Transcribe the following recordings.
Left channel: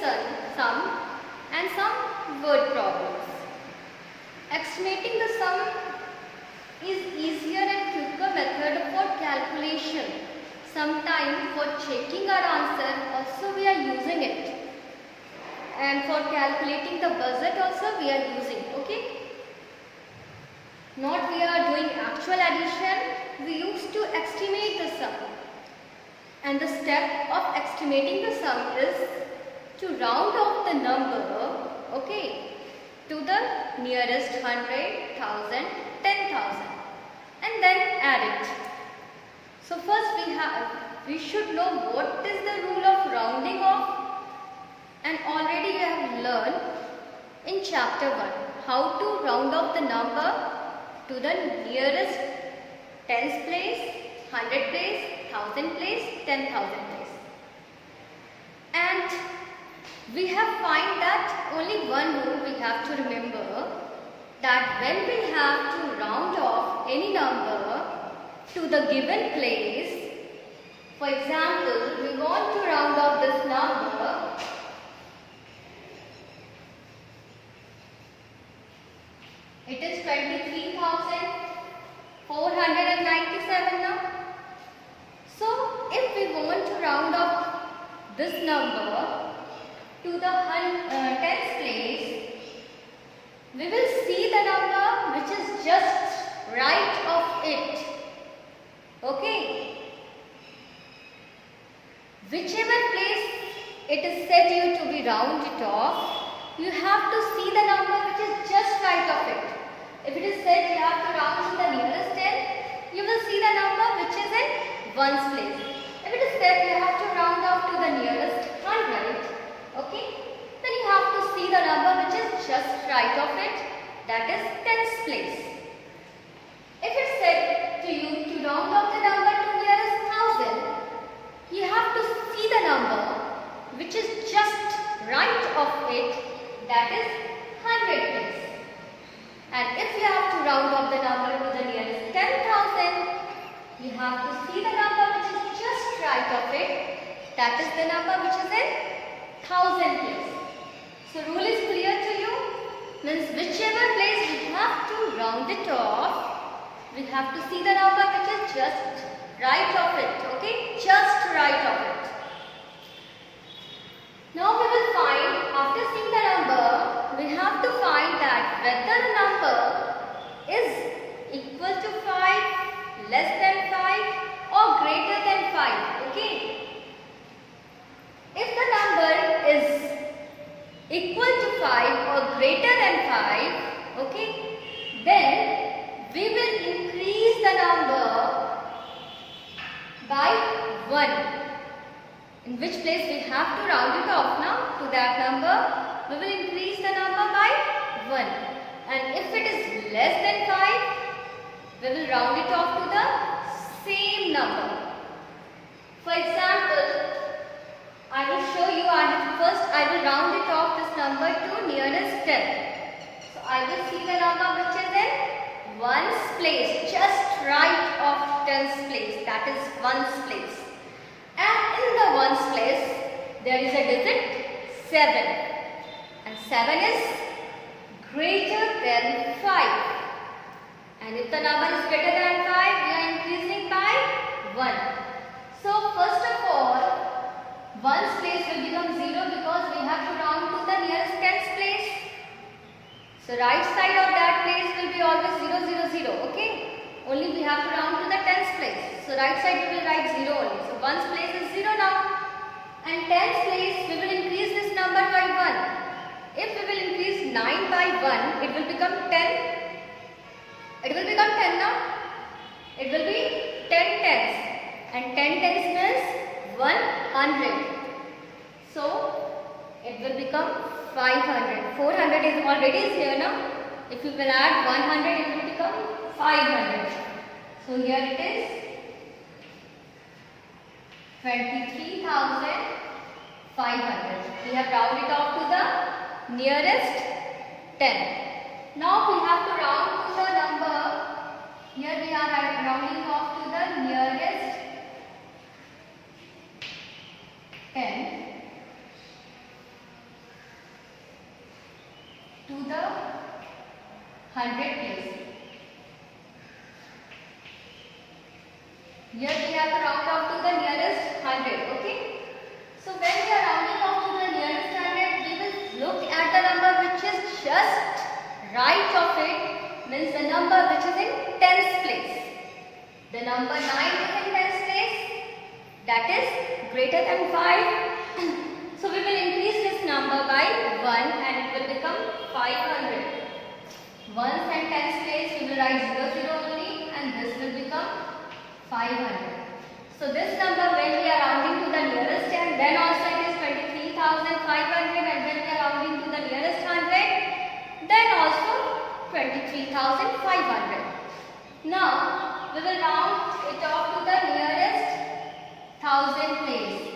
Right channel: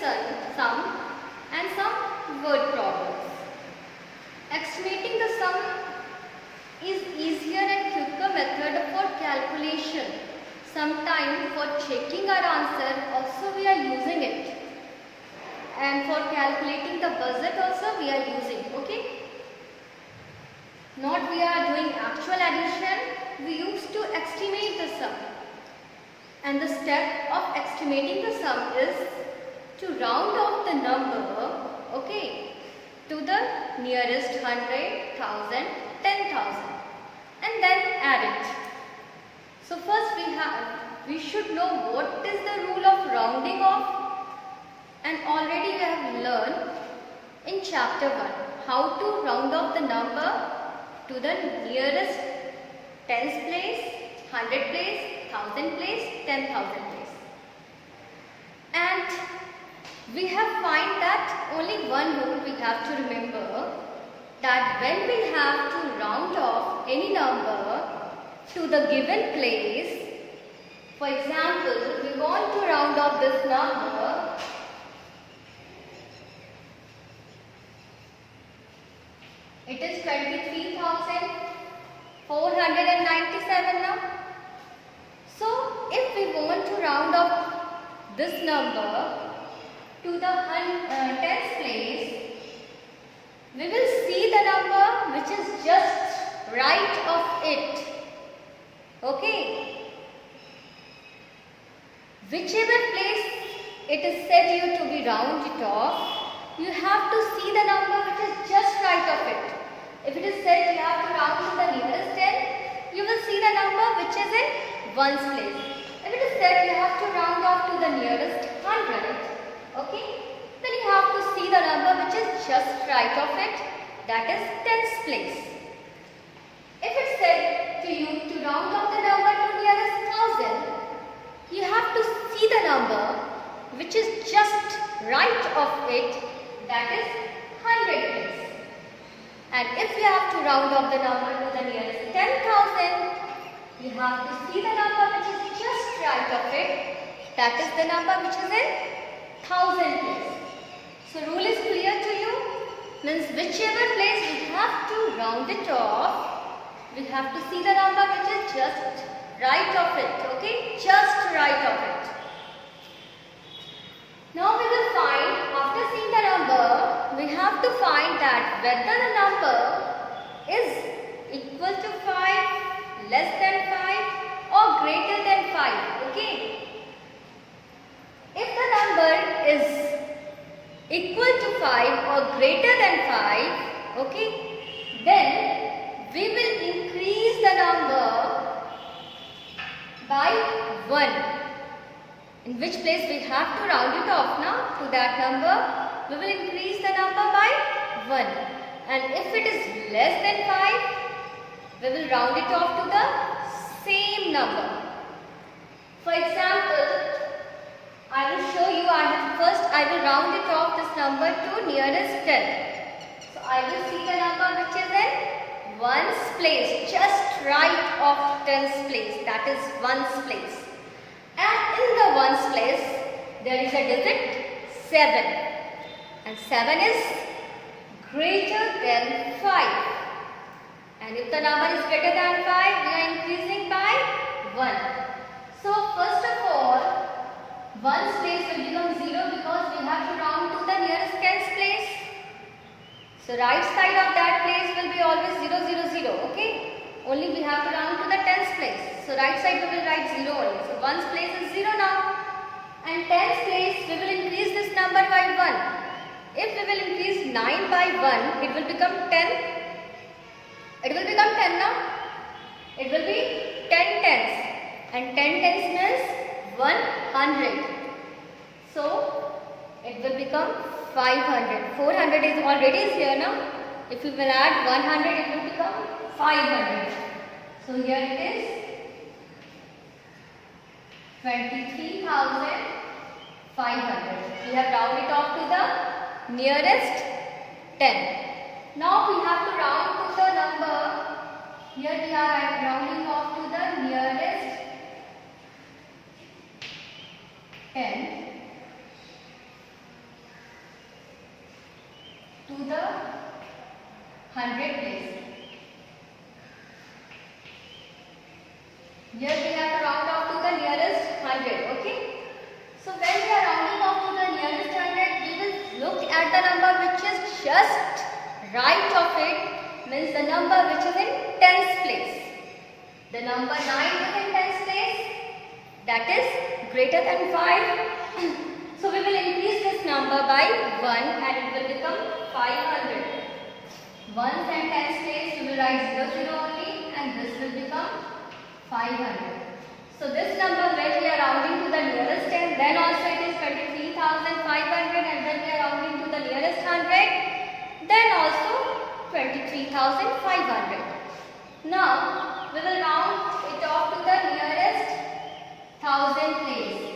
sum and some word problems. Estimating the sum is easier and quicker method for calculation. Sometimes for checking our answer also we are using it, and for calculating the budget also we are using. Okay, not we are doing actual addition, we used to estimate the sum, and the step of estimating the sum is to round off the number, okay, to the nearest 100, 1000, 10,000 and then add it. So first we should know what is the rule of rounding off, and already we have learned in chapter 1 how to round off the number to the nearest tens place, 100 place, 1000 place, 10,000 place. And we have find that only one rule we have to remember, that when we have to round off any number to the given place, for example, we want to round off this number, it is 23,497 now. So if we want to round off this number to the tens place, we will see the number which is just right of it. Okay, whichever place it is said you to be round it off, you have to see the number which is just right of it. If it is said you have to round to the nearest 10, you will see the number which is in ones place. If it is said you have to round off to the nearest 100, okay, then you have to see the number which is just right of it, that is tens place. If it is said to you to round off the number to nearest 1000, you have to see the number which is just right of it, that is 100 place. And if you have to round off the number to the nearest 10,000, you have to see the number which is just right of it, that is the number which is in 1000 place. So rule is clear to you? Means whichever place we have to round it off, we have to see the number which is just right of it, okay? Just right of it. Now we will find, after seeing the number, we have to find that whether the number is equal to 5, less than 5 or greater than 5, okay? If the number is equal to 5 or greater than 5, okay, then we will increase the number by 1. In which place we have to round it off now to that number, we will increase the number by 1. And if it is less than 5, we will round it off to the same number. For example, I will show you, first I will round it off this number to nearest 10. So I will see the number which is in ones place, just right of tens place, that is ones place. And in the ones place, there is a digit 7. And 7 is greater than 5. And if the number is greater than 5, we are increasing by 1. So first of all, ones place will become 0 because we have to round to the nearest tens place. So right side of that place will be always 0, 0, 0. Okay? Only we have to round to the tens place. So right side we will write 0 only. So ones place is 0 now. And tens place we will increase this number by 1. If we will increase 9 by 1, it will become 10. It will become 10 now. It will be 10 tens. And 10 tens means 100. So it will become 500. 400 is already here now. If we will add 100, it will become 500. So here it is 23,500. We have rounded off to the nearest 10. Now we have to round to the number. Here we are rounding off to the nearest 10. to the 100 place. Here we have to round off to the nearest 100. Okay. So when we are rounding off to the nearest 100, we will look at the number which is just right of it, means the number which is in tens place. The number 9 is in tens place, that is greater than 5. So we will increase this number by 1 and it will become 500. Ones and tens place we will write 00 only and this will become 500. So this number when we are rounding to the nearest 10, then also it is 23,500, and when we are rounding to the nearest 100, then also 23,500. Now we will round it off to the nearest 1000 place.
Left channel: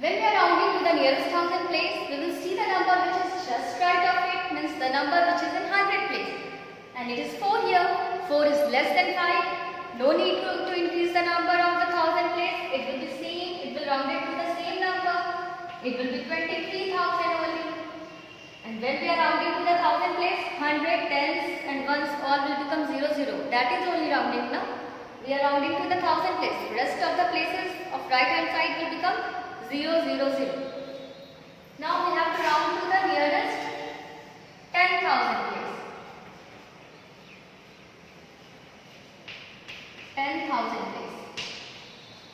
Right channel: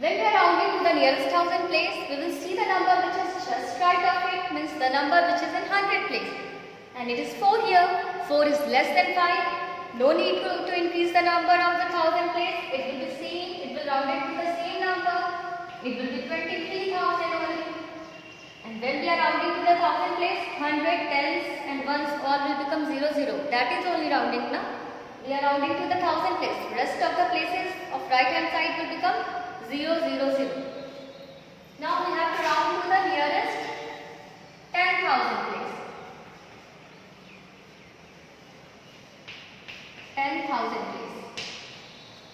When we are rounding to the nearest 1000 place, we will see the number which is just right of it, means the number which is in 100 place. And it is 4 here. 4 is less than 5. No need to increase the number of the 1000 place. It will be same. It will round it to the same number. It will be 23,000 only. And when we are rounding to the 1000 place, 100, tens and ones all will become 00. That is only rounding now. We are rounding to the 1000 place. Rest of the places of right hand side will become 0, 0, 0. Now we have to round to the nearest 10,000 place. 10,000 place.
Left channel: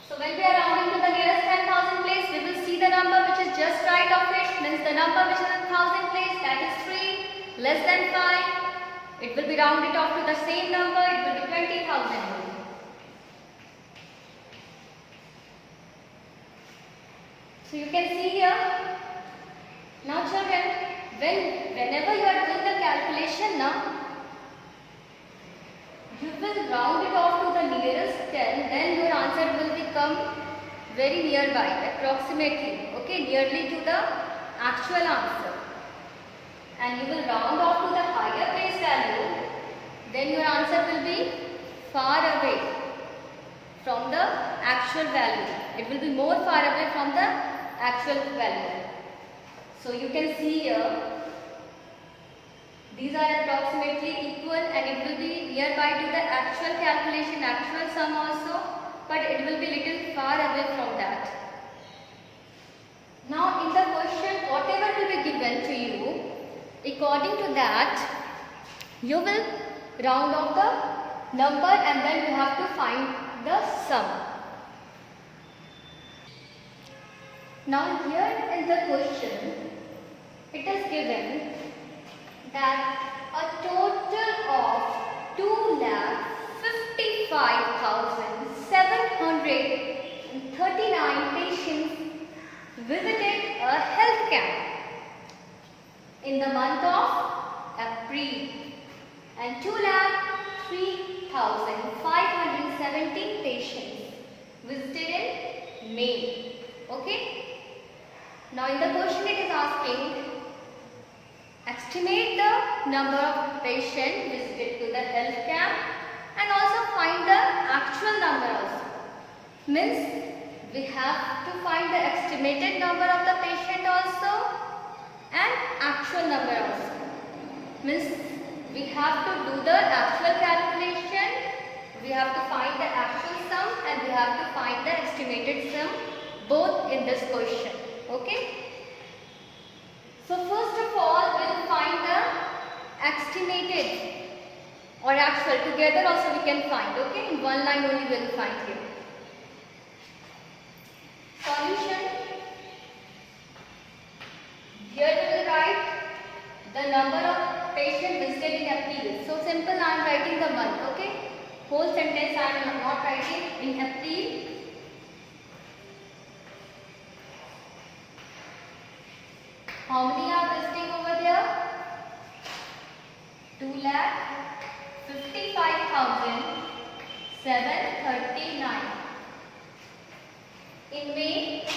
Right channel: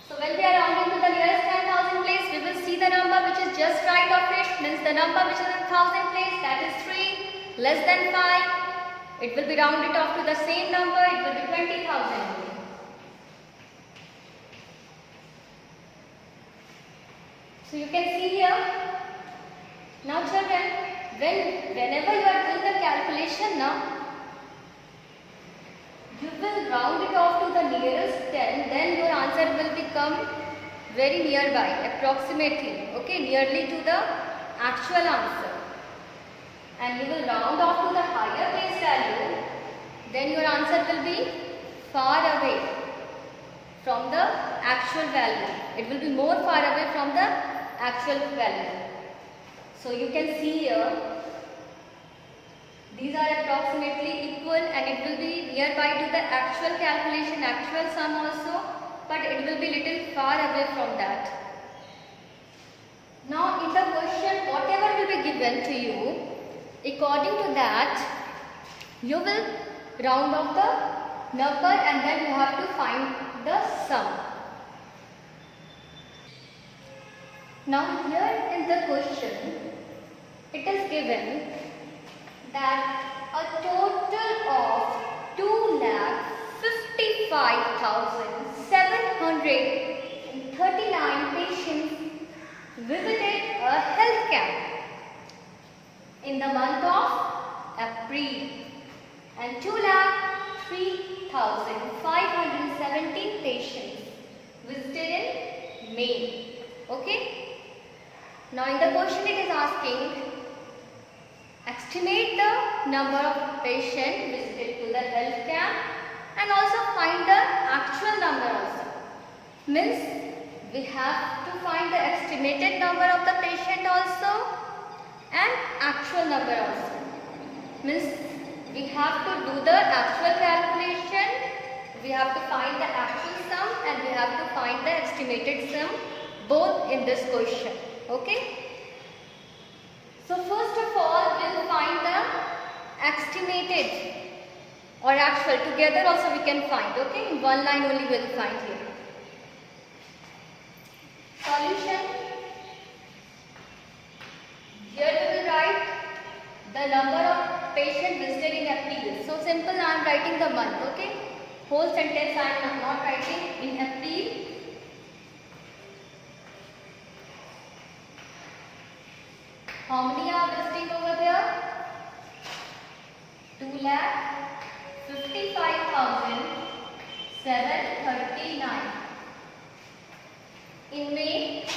So when we are rounding to the nearest 10,000 place, we will see the number which is just right of it, means the number which is in 1000 place, that is 3, less than 5. It will be rounded off to the same number, it will be 20,000. So you can see here. Now children, whenever you are doing the calculation now, you will round it off to the nearest 10, then your answer will become very nearby, approximately, okay, nearly to the actual answer. And you will round off to the higher place value, then your answer will be far away from the actual value. It will be more far away from the actual value. So you can see here, these are approximately equal and it will be nearby to the actual calculation, actual sum also, but it will be little far away from that. Now in the question, whatever will be given to you, according to that, you will round off the number and then you have to find the sum. Now here in the question, it is given that a total of 2,55,739 patients visited a health camp in the month of April and 2,03,517 patients visited in May. Okay? Now in the question it is asking, estimate the number of patients visited to the health camp and also find the actual number also. Means we have to find the estimated number of the patient also and actual number also. Means we have to do the actual calculation, we have to find the actual sum and we have to find the estimated sum, both in this question. Okay? So first of all, we will find the estimated or actual. Together also we can find. Okay? In one line only we will find here. Solution. Here we will write the number of patients visited in April. So simple, I am writing the month. Okay? Whole sentence I am not writing in April. How many are visiting over there? 2,55,739. In May,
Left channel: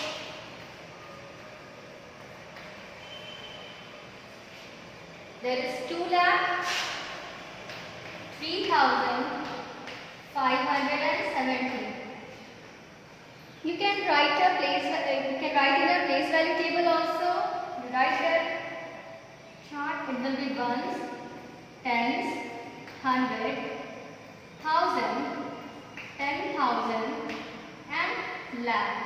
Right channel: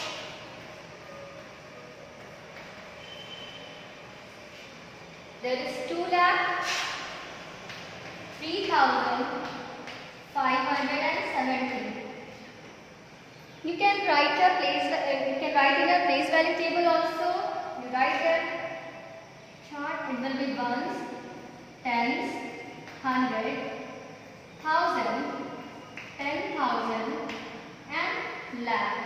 there is 2,03,517 570. You can write in your place value table also. You write your chart. It will be ones, tens, 100, 1000, 10,000 and lakh.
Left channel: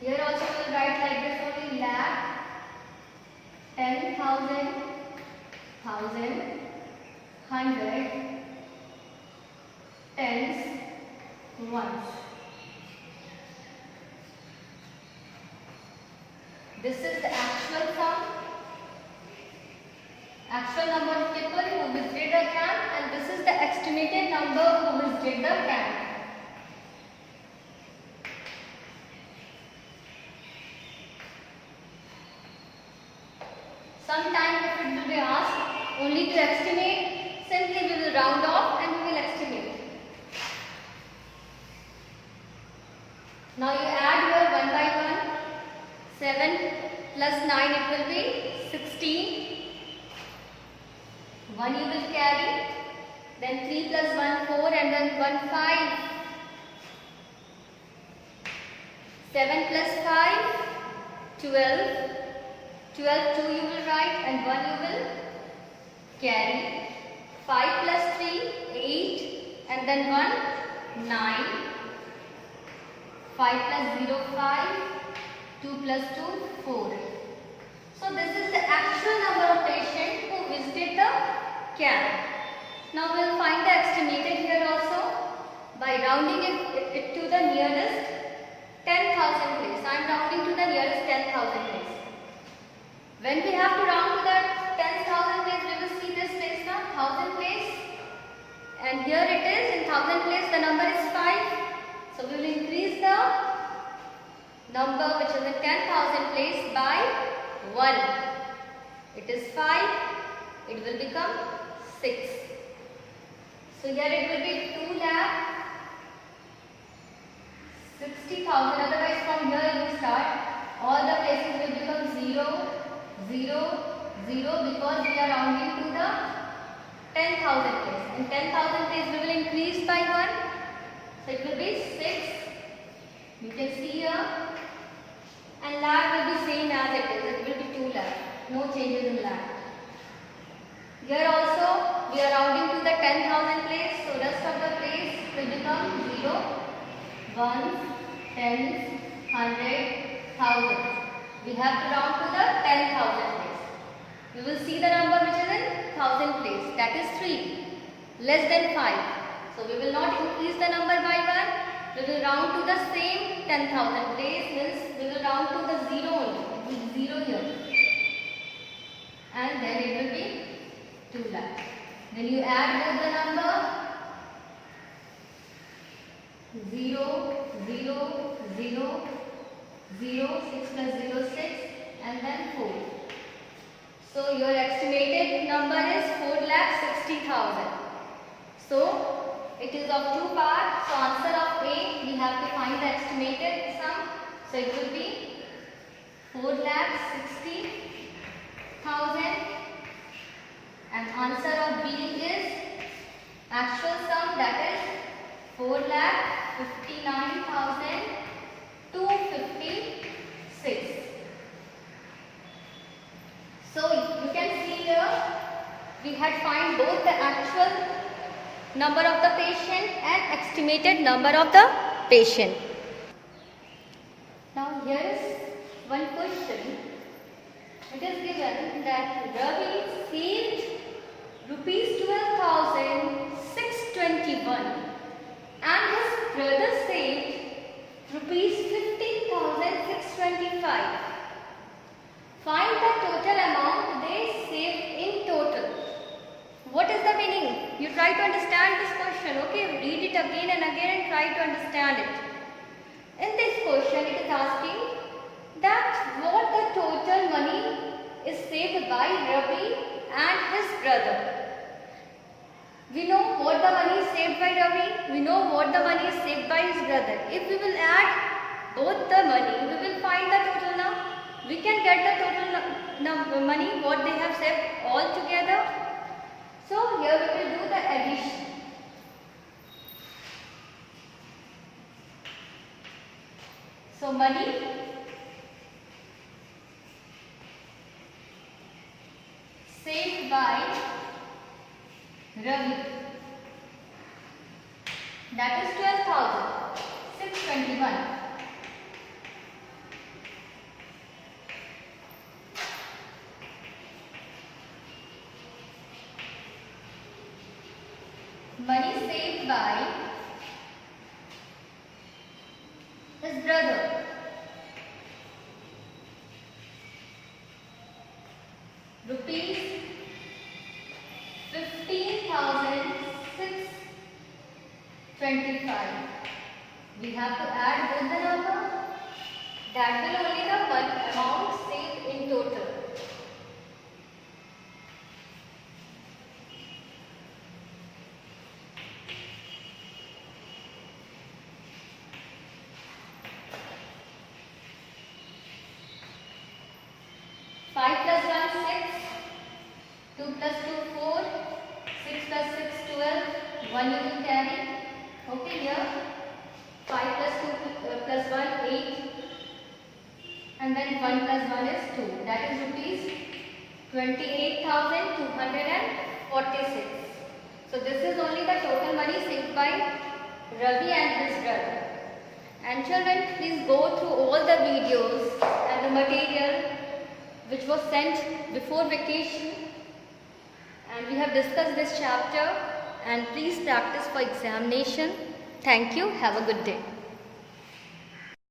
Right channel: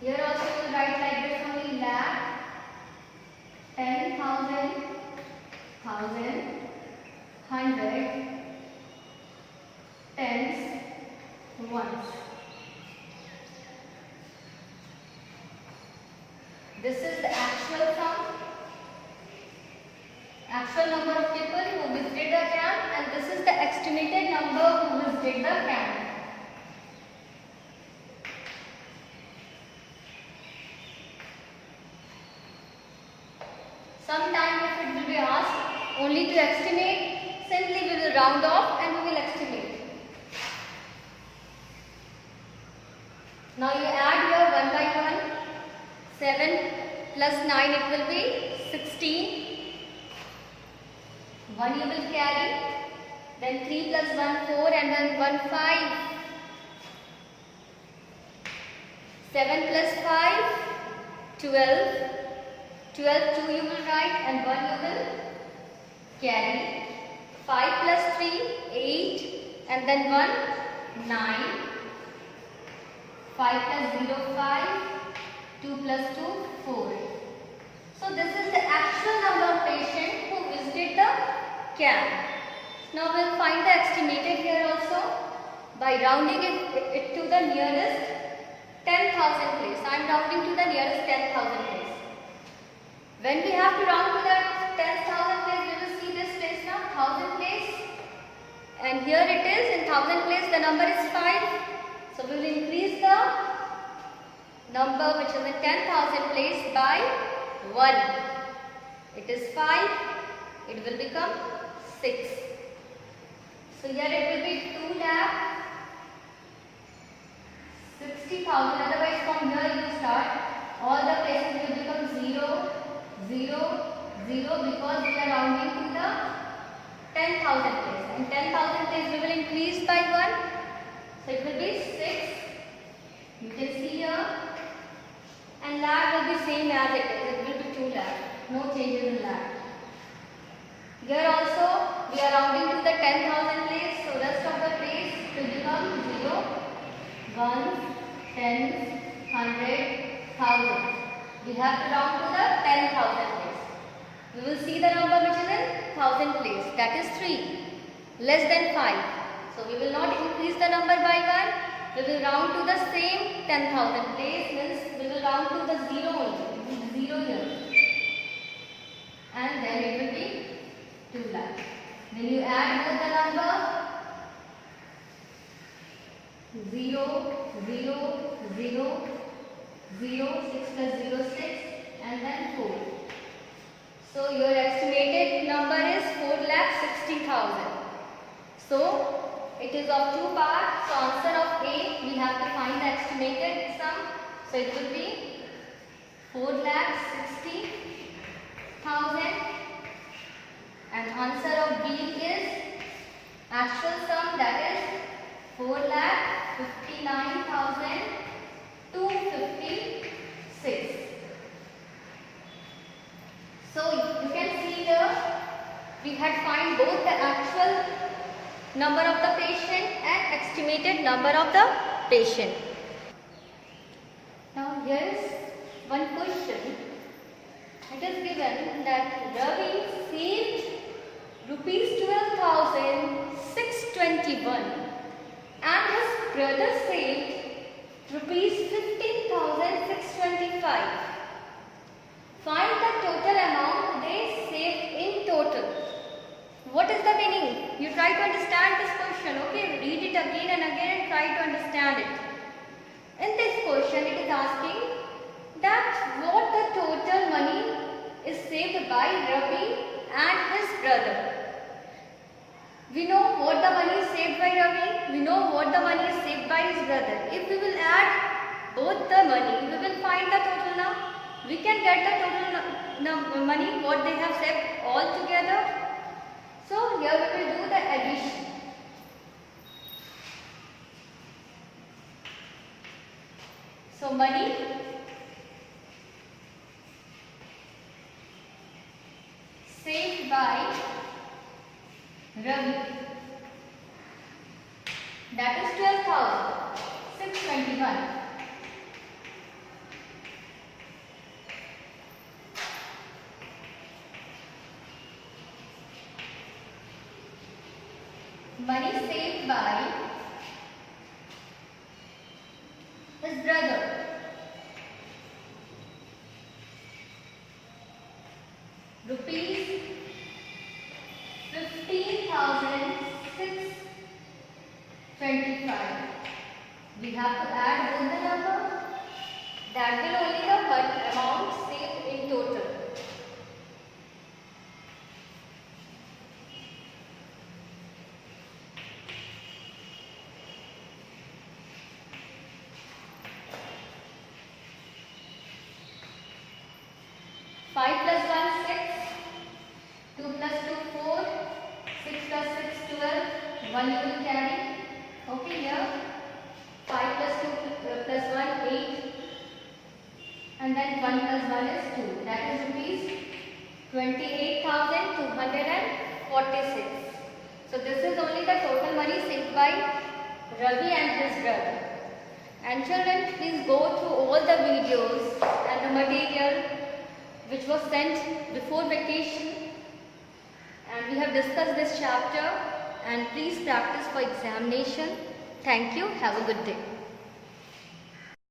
Here also you will write like this only: lakh, 10,000, 1,000, 100, tens, ones. This is the actual sum, actual number of people who visited the camp, and this is the estimated number who visited the camp. Sometimes if it will be asked only to estimate, simply we will round off and we will estimate. Now you add your 1 by 1. 7 plus 9, it will be 16. 1 you will carry. Then 3 plus 1, 4, and then 1, 5. 7 plus 5, 12. 12, 2 you will write and 1 you will carry. 5 plus 3, 8, and then 1, 9. 5 plus 0, 5. 2 plus 2, 4. So this is the actual number of patients who visited the camp. Now we will find the estimated here also by rounding it to the nearest 10,000 place. I am rounding to the nearest 10,000 place. When we have to round to the 10,000 place, we will see this place now, 1,000 place. And here it is, in 1,000 place the number is 5. So we will increase the number which is in 10,000 place by 1. It is 5. It will become 6. So here it will be 2,60,000. Otherwise from here you start. All the places will become 0, 0, 0 because we are rounding to the 10,000 place. And 10,000 place we will increase by 1. So it will be 6. You can see here. And lakh will be same as it is. It will be 2 lakh. No changes in lakh. Here also we are rounding to the 10,000 place. So rest of the place will become 0, 1, 10, 100, 1,000. We have to round to the 10,000 place. We will see the number which is in 1,000 place. That is 3. Less than 5. So we will not increase the number by 1. We will round to the same 10,000 place, means we will round to the 0 only. It will be 0 here. And then it will be 2 lakh. Then you add both the number 0, 0, 0, 0, 6 plus 0, 6, and then 4. So your estimated number is 4,60,000. So it is of 2 parts. So answer of A, we have to find the estimated sum. So it will be 4,60,000. And answer of B is actual sum, that is 4,59,256. So you can see here we had find both the actual number of the patient and estimated number of the patient. Now here is one question. It is given that Ravi saved rupees 12,621 and his brother saved rupees 15,625. Find the total amount they saved in total. What is the meaning? You try to understand this question, okay? Read it again and again and try to understand it. In this question, it is asking that what the total money is saved by Ravi and his brother. We know what the money is saved by Ravi. We know what the money is saved by his brother. If we will add both the money, we will find the total now. We can get the total money what they have saved all together. So here we will do the addition. So money saved by Ravi, that is 12,621. Money saved by his brother, rupees 15,625. We have to add both the number. That will only the amount saved in total. Five plus 1 6, 2 plus 2 4, 6 plus 6 12, 1 you will carry. Okay, here 5 plus 2 plus 1 8, and then 1 plus 1 is 2. That is rupees 28,246. So this is only the total money saved by Ravi and his brother. And children, please go through all the videos and the material which was sent before vacation, and we have discussed this chapter, and please practice for examination. Thank you. Have a good day.